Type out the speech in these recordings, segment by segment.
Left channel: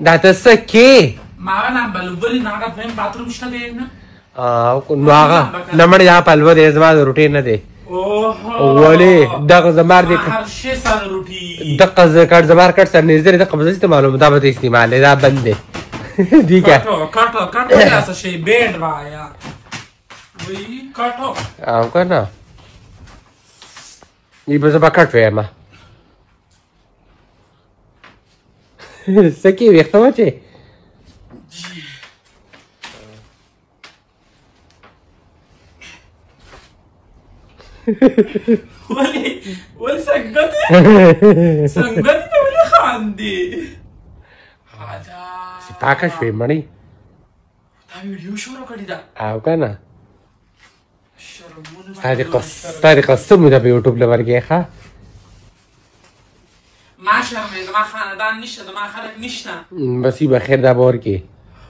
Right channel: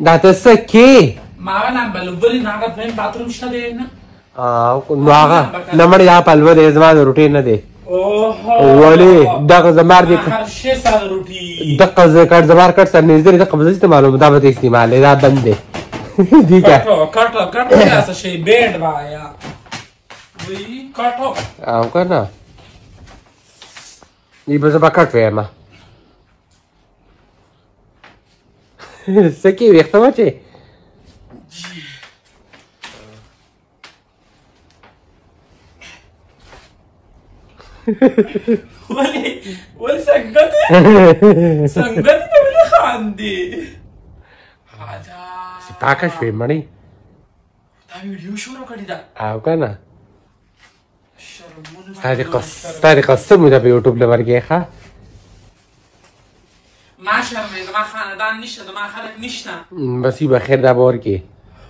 دا تسكي ما انا بلبري ناقه فين باتروم شته دی نه نمړ یا پلو دې زما د روټین نه دی اوه ولې دغه زمار دي هر شي سره روټي دغه ذکر زمار کټ سره نږدې د قبضه ته معلوم دا به استعمال دا بند دی دی کټو تاسو شي بیډ وایا وی کټو او کنه ای به زما کټ وایم سکی وختمه چې ولي سنگته ته ولي خاندي هذا پاکه شوی مړی دا ویډیو شروع کړی دا او کنه ستاسې قسم ده په یوټیوب لورګې ښه ما شرمې زما خاندان نشته زما خلک نشته بس به خیر دا به ورکې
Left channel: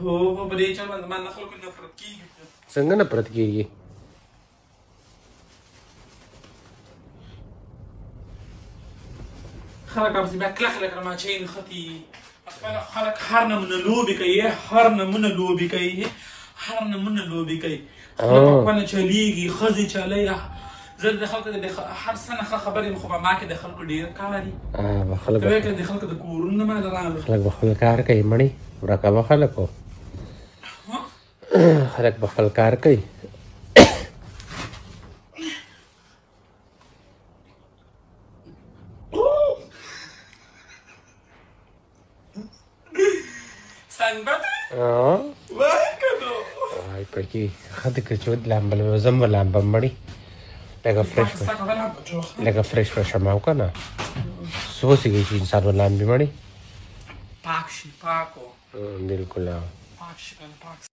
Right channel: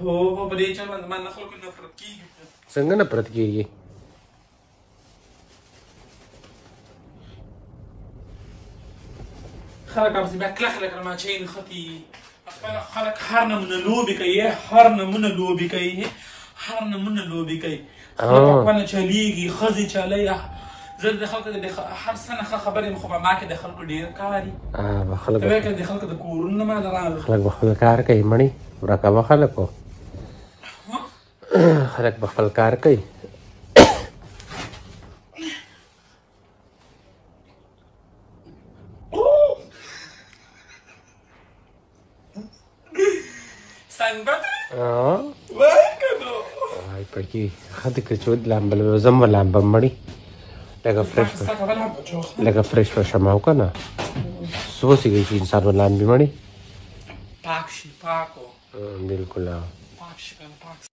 هو په دې چل باندې زما نه خلکو نفرت کېږي څنګه نفرت کېږي خلک ابزي بیا کلک لکه ماچین خطي خلک هر نمونه لوبې کوي هر نمونه لوبې کوي خلک خپله چلیږي ښځې چلی زه د خلکو د هر څه نه ښه خبرې یم خو په ما کې د خلکو ډېر کار دي ته وایې که د خلکو د کورونو نه ماله راغلو خلک به خپل کار کوي مړی ورکه به خلکو خلک به خپل کار کوي زم لامبم مړی لکه فرش بشم او کنه څه وسیږي چې انسان ولامبي مړی پاک شي پاکو بالکل پاک شي کنه پاک